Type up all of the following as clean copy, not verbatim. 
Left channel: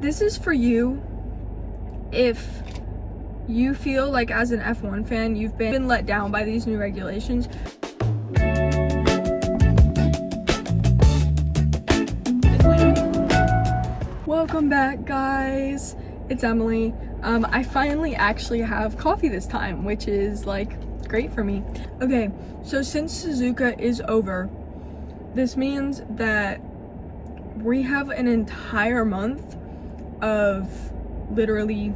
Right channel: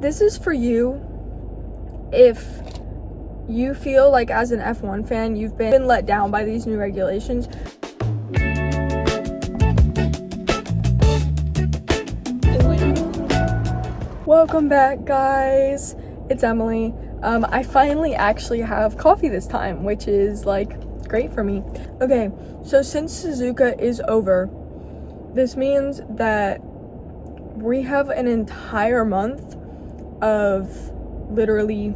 This is for you if you feel like as an F1 fan you've been let down by these new regulations. Welcome back, guys. It's Emily. I finally actually have coffee this time, which is like great for me. Okay, so since Suzuka is over, this means that we have an entire month of literally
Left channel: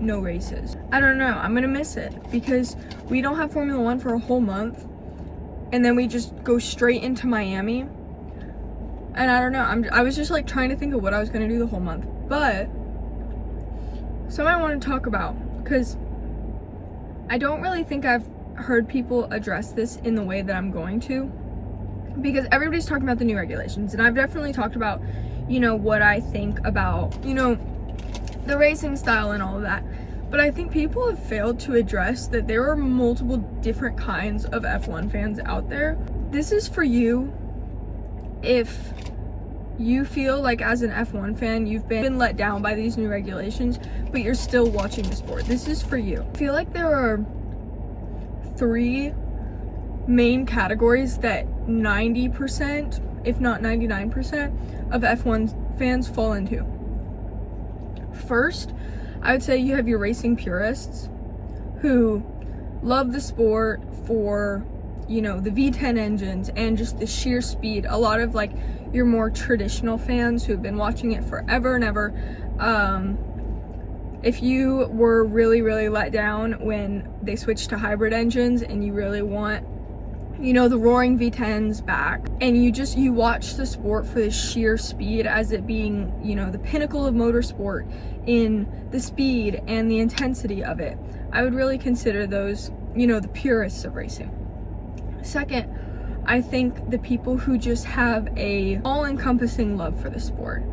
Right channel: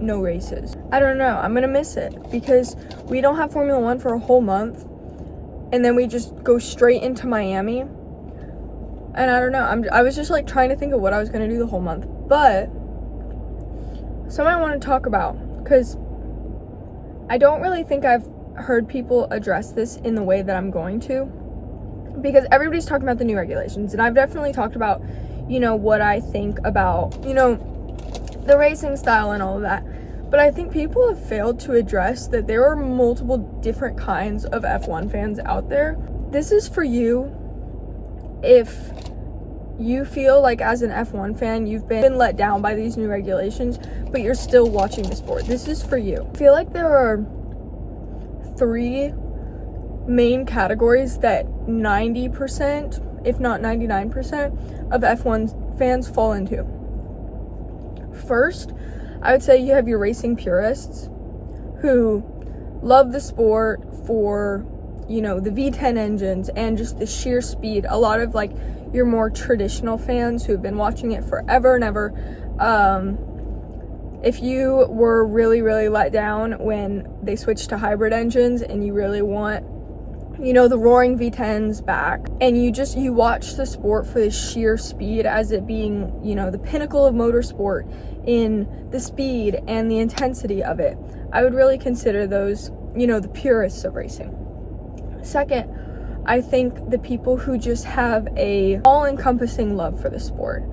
no races. I don't know, I'm gonna miss it because we don't have Formula One for a whole month and then we just go straight into Miami. And I don't know, I was just like trying to think of what I was gonna do the whole month. But something I want to talk about, because I don't really think I've heard people address this in the way that I'm going to, because everybody's talking about the new regulations, and I've definitely talked about, what I think about, the racing style and all of that. But I think people have failed to address that there are multiple different kinds of F1 fans out there. This is for you if you feel like as an F1 fan you've been let down by these new regulations, but you're still watching the sport. This is for you. I feel like there are 3 main categories that 90%, if not 99%, of F1 fans fall into. First, I would say you have your racing purists who love the sport for, the V10 engines and just the sheer speed. A lot of like your more traditional fans who have been watching it forever and ever. If you were really, really let down when they switched to hybrid engines and you really want, the roaring V10s back, and you watch the sport for the sheer speed as it being, the pinnacle of motorsport in the speed and the intensity of it, I would really consider those, the purists of racing. Second, I think the people who just have a all-encompassing love for the sport.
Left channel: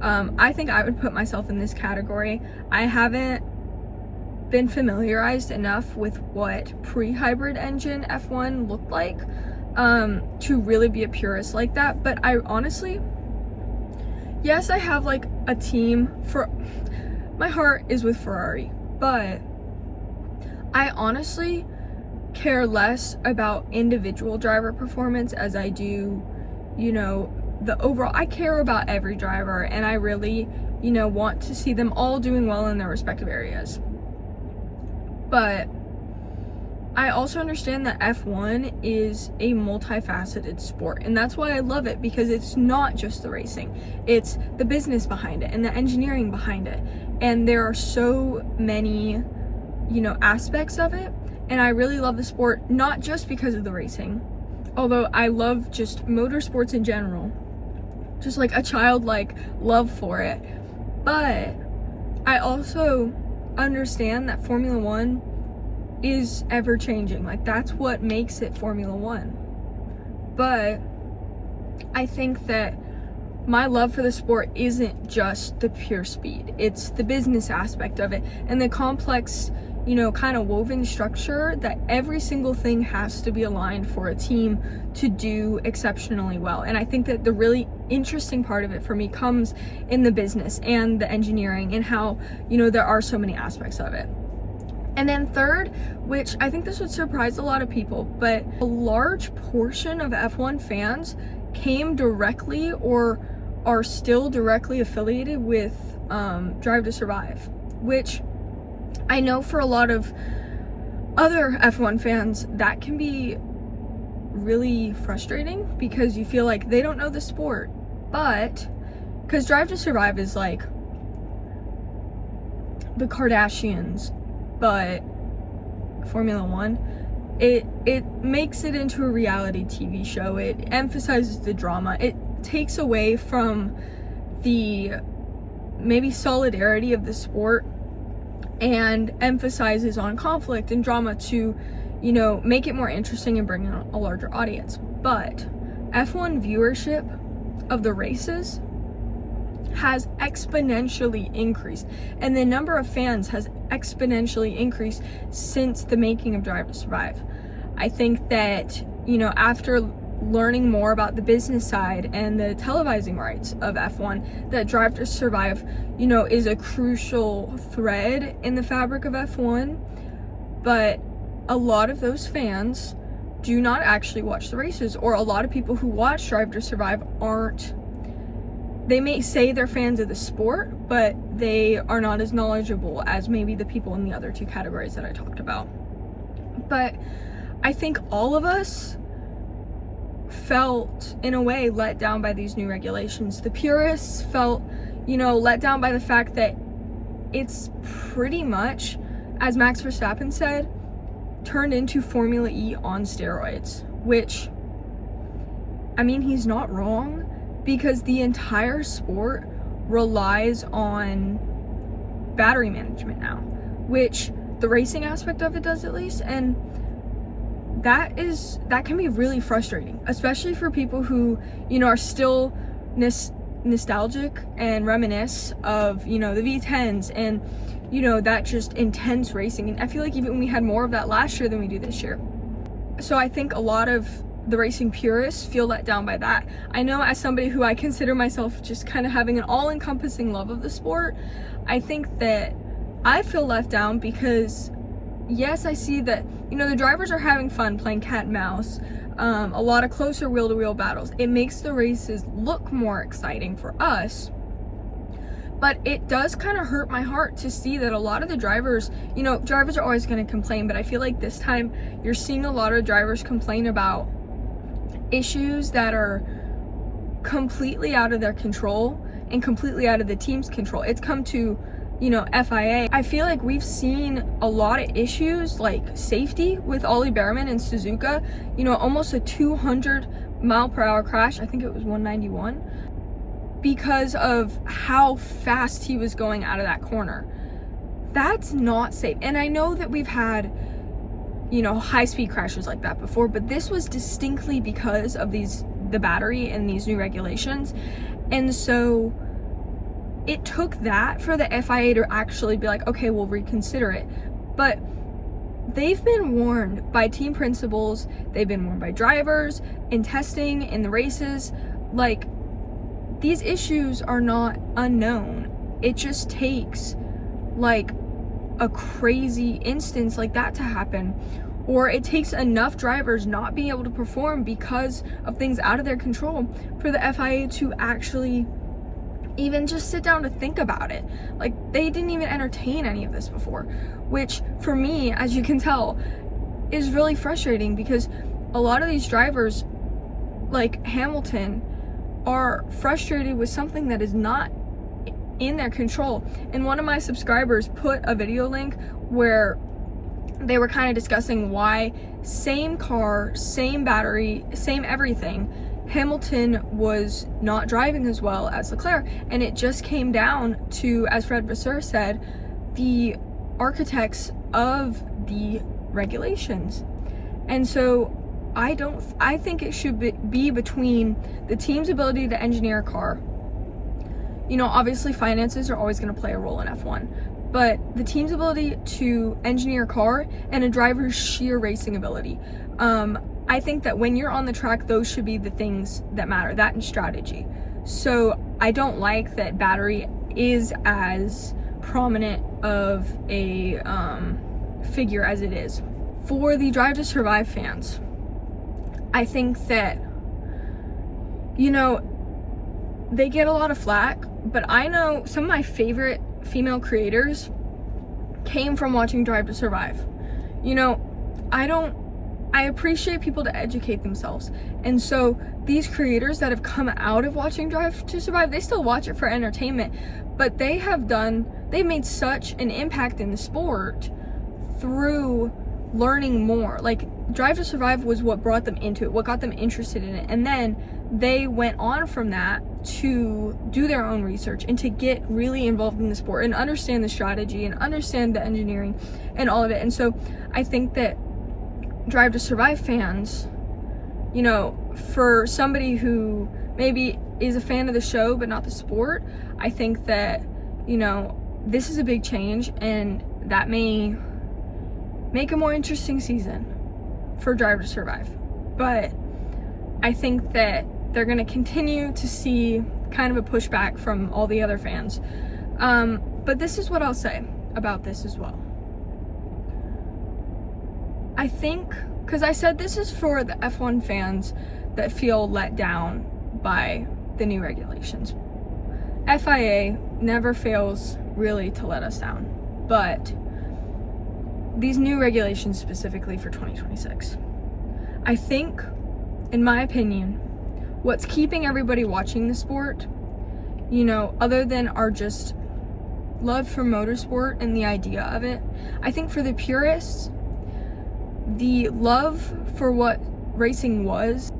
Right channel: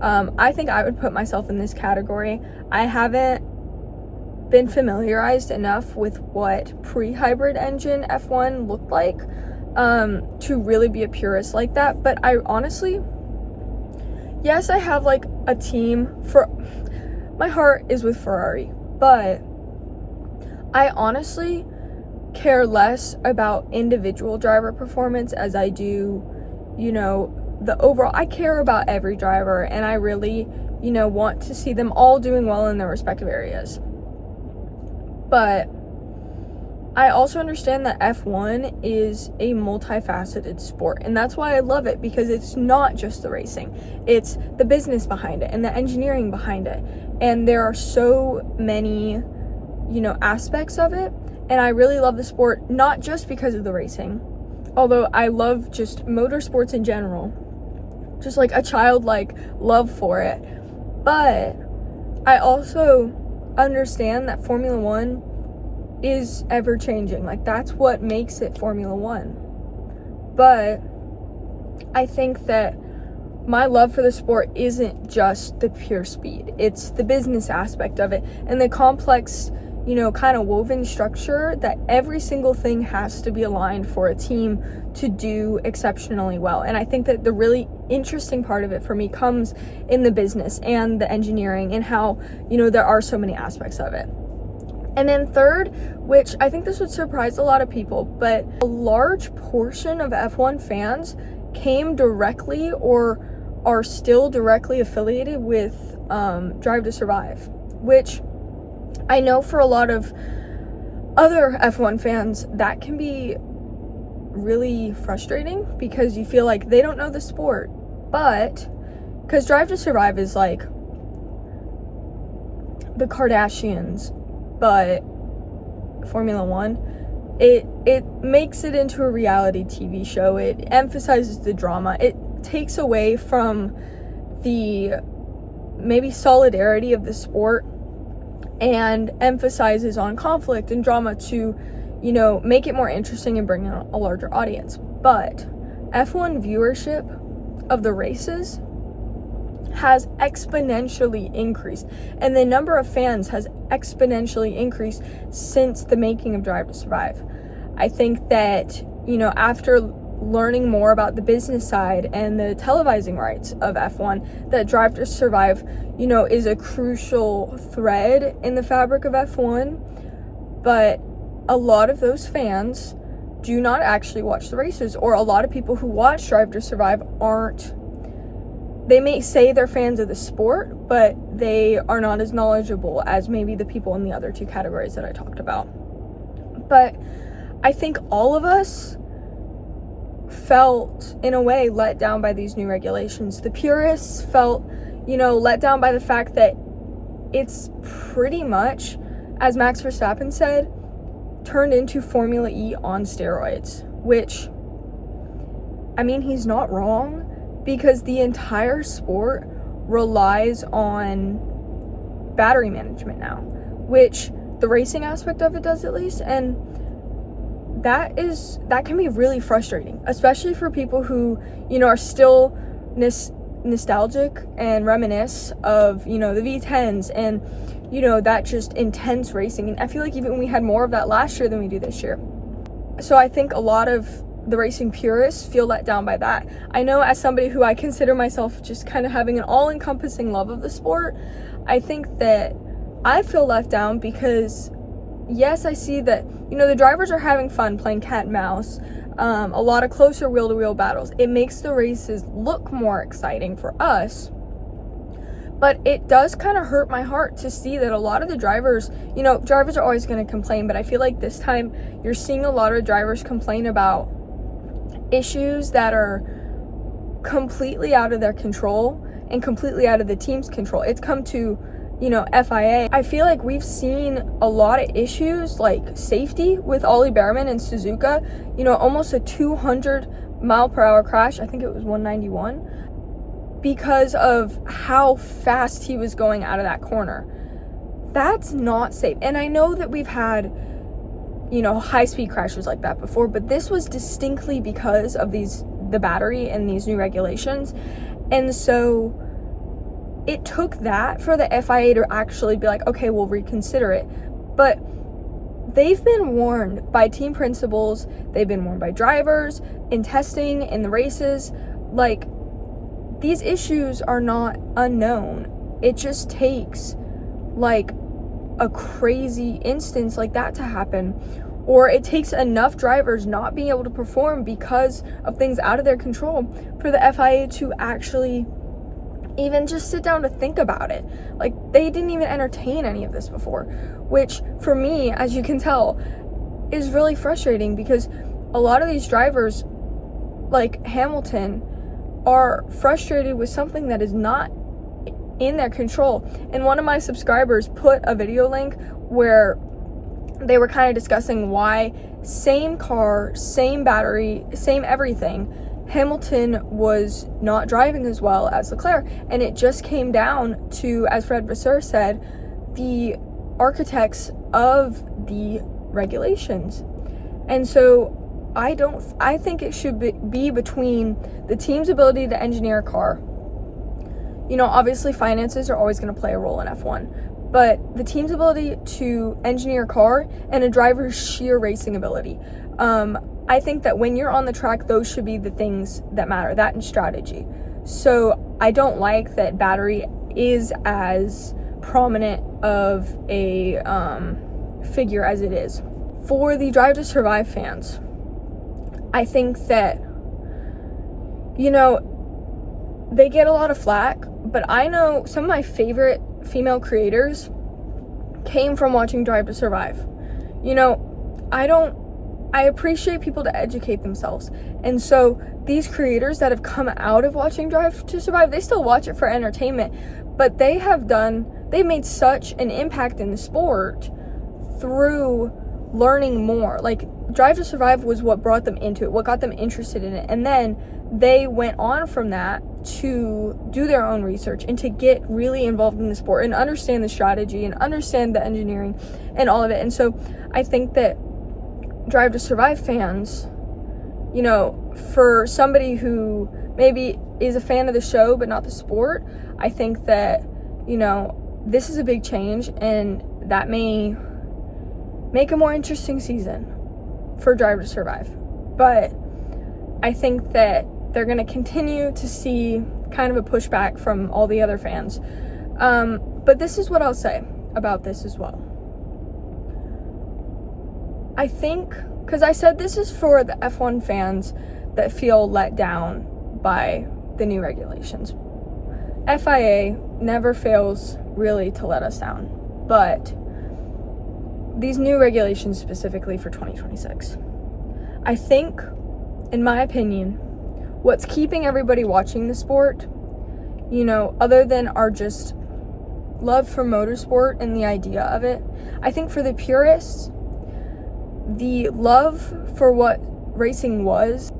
I think I would put myself in this category. I haven't been familiarized enough with what pre-hybrid engine F1 looked like to really be a purist like that. But I honestly, yes, I have like a team for, my heart is with Ferrari, but I honestly care less about individual driver performance as I do, the overall. I care about every driver, and I really, want to see them all doing well in their respective areas. But I also understand that F1 is a multifaceted sport, and that's why I love it, because it's not just the racing, it's the business behind it and the engineering behind it, and there are so many, aspects of it. And I really love the sport, not just because of the racing, although I love just motorsports in general, just like a childlike love for it. But I also understand that Formula One is ever changing. Like, that's what makes it Formula One. But I think that my love for the sport isn't just the pure speed, it's the business aspect of it and the complex, kind of woven structure that every single thing has to be aligned for a team to do exceptionally well. And I think that the really interesting part of it for me comes in the business and the engineering and how, there are so many aspects of it. And then third, which I think this would surprise a lot of people, but a large portion of F1 fans came directly or are still directly affiliated with Drive to Survive, which I know for a lot of other F1 fans, that can be really frustrating because you feel like they don't know the sport. But, because Drive to Survive is like the Kardashians, but Formula One, it makes it into a reality TV show. It emphasizes the drama. It takes away from the maybe solidarity of the sport and emphasizes on conflict and drama to, make it more interesting and bring in a larger audience. But F1 viewership of the races has exponentially increased, and the number of fans has exponentially increased since the making of Drive to Survive. I think that, after learning more about the business side and the televising rights of F1, that Drive to Survive, you know, is a crucial thread in the fabric of F1. But a lot of those fans do not actually watch the races, or a lot of people who watch Drive to Survive aren't. They may say they're fans of the sport, but they are not as knowledgeable as maybe the people in the other two categories that I talked about. But I think all of us felt, in a way, let down by these new regulations. The purists felt, you know, let down by the fact that it's pretty much, as Max Verstappen said, turned into Formula E on steroids, which, I mean, he's not wrong, because the entire sport relies on battery management now, which the racing aspect of it does, at least, and that can be really frustrating, especially for people who, you know, are still nostalgic and reminisce of, you know, the V10s and, you know, that just intense racing. And I feel like even we had more of that last year than we do this year. So I think a lot of the racing purists feel let down by that. I know, as somebody who I consider myself just kind of having an all-encompassing love of the sport, I think that I feel left down because, yes, I see that, you know, the drivers are having fun playing cat and mouse, a lot of closer wheel-to-wheel battles. It makes the races look more exciting for us. But it does kind of hurt my heart to see that a lot of the drivers, you know, drivers are always going to complain, but I feel like this time you're seeing a lot of drivers complain about issues that are completely out of their control and completely out of the team's control. It's come to, you know, FIA. I feel like we've seen a lot of issues like safety with Ollie Behrman and Suzuka, you know, almost a 200-mile-per-hour crash. I think it was 191. Because of how fast he was going out of that corner. That's not safe. And I know that we've had, you know, high-speed crashes like that before, but this was distinctly because of the battery and these new regulations. And so it took that for the FIA to actually be like, okay, we'll reconsider it. But they've been warned by team principals, they've been warned by drivers in testing, in the races. Like, these issues are not unknown. It just takes like a crazy instance like that to happen, or it takes enough drivers not being able to perform because of things out of their control for the FIA to actually even just sit down to think about it. Like, they didn't even entertain any of this before, which for me, as you can tell, is really frustrating, because a lot of these drivers, like Hamilton, are frustrated with something that is not in their control. And one of my subscribers put a video link where they were kind of discussing why, same car, same battery, same everything, Hamilton was not driving as well as Leclerc. And it just came down to, as Fred Vasseur said, the architects of the regulations. And so I think it should be between the team's ability to engineer a car. You know, obviously finances are always going to play a role in F1, but the team's ability to engineer a car and a driver's sheer racing ability. I think that when you're on the track, those should be the things that matter, that and strategy. So I don't like that battery is as prominent of a figure as it is. For the Drive to Survive fans, I think that, you know, they get a lot of flack, but I know some of my favorite female creators came from watching Drive to Survive. You know, I appreciate people to educate themselves. And so these creators that have come out of watching Drive to Survive, they still watch it for entertainment, but they've made such an impact in the sport through learning more. Like, Drive to Survive was what brought them into it, what got them interested in it, and then they went on from that to do their own research and to get really involved in the sport and understand the strategy and understand the engineering and all of it. And so I think that Drive to Survive fans, you know, for somebody who maybe is a fan of the show but not the sport, I think that, you know, this is a big change, and that may make a more interesting season for Drive to Survive. But I think that they're going to continue to see kind of a pushback from all the other fans. But this is what I'll say about this as well. I think, because I said this is for the F1 fans that feel let down by the new regulations. FIA never fails really to let us down, but these new regulations specifically for 2026, I think, in my opinion, what's keeping everybody watching the sport, you know, other than our just love for motorsport and the idea of it, I think for the purists, the love for what racing was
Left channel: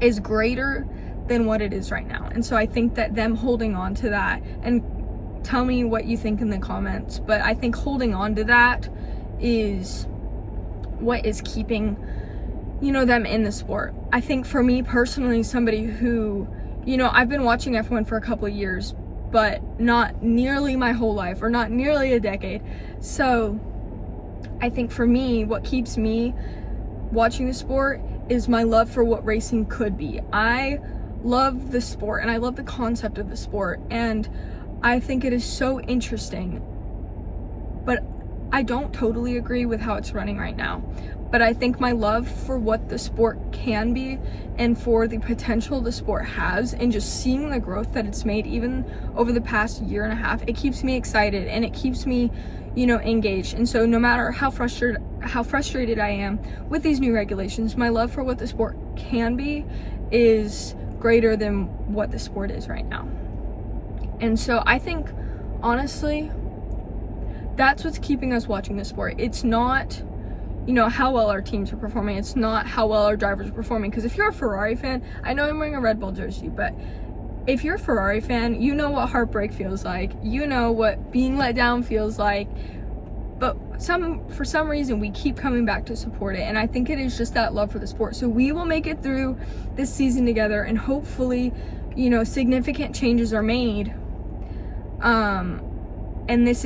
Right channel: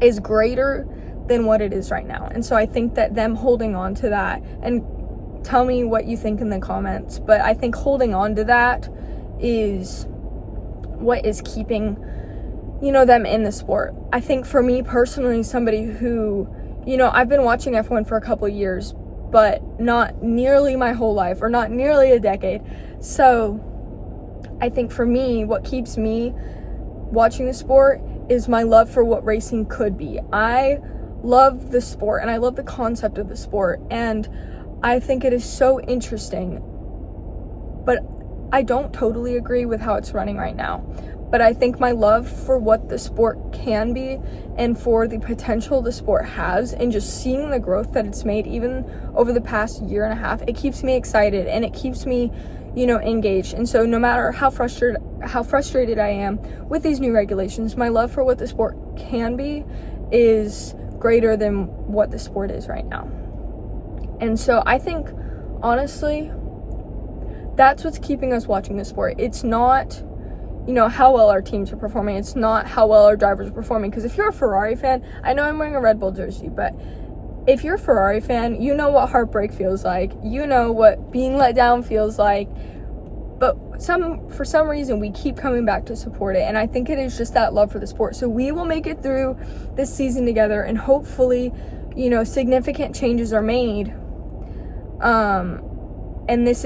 is greater than what it is right now. And so I think that them holding on to that, and tell me what you think in the comments, but I think holding on to that is what is keeping, you know, them in the sport. I think for me personally, somebody who, you know, I've been watching F1 for a couple of years, but not nearly my whole life, or not nearly a decade. So I think for me, what keeps me watching the sport is my love for what racing could be. I love the sport and I love the concept of the sport, and I think it is so interesting, but I don't totally agree with how it's running right now. But I think my love for what the sport can be and for the potential the sport has, and just seeing the growth that it's made even over the past year and a half, it keeps me excited and it keeps me, you know, engaged. And so no matter how frustrated I am with these new regulations, my love for what the sport can be is greater than what the sport is right now. And so I think, honestly, that's what's keeping us watching the sport. It's not, you know, how well our teams are performing. It's not how well our drivers are performing. Because if you're a Ferrari fan, I know I'm wearing a Red Bull jersey, but if you're a Ferrari fan, you know what heartbreak feels like. You know what being let down feels like. But for some reason, we keep coming back to support it. And I think it is just that love for the sport. So we will make it through this season together, and hopefully, you know, significant changes are made. And this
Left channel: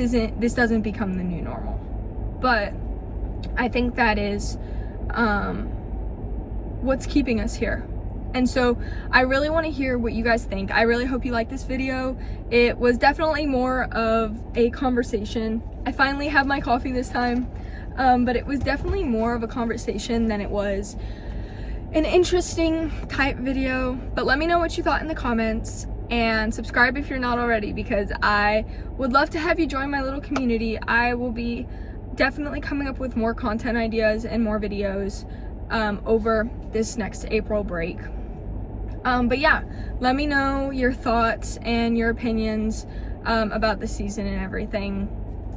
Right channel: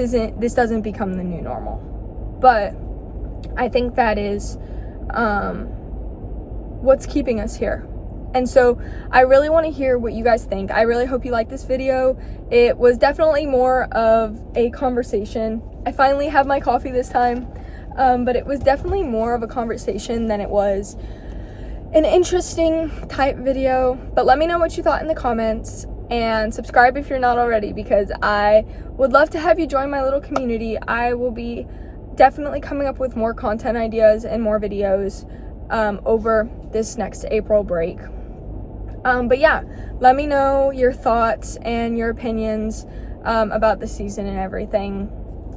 doesn't become the new normal. But I think that is what's keeping us here. And so I really want to hear what you guys think. I really hope you like this video. It was definitely more of a conversation. I finally have my coffee this time, but it was definitely more of a conversation than it was an interesting type video. But let me know what you thought in the comments, and subscribe if you're not already, because I would love to have you join my little community. I will be definitely coming up with more content ideas and more videos over this next April break. But yeah, let me know your thoughts and your opinions about the season and everything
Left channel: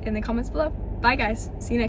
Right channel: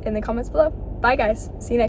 in the comments below. Bye guys, see you next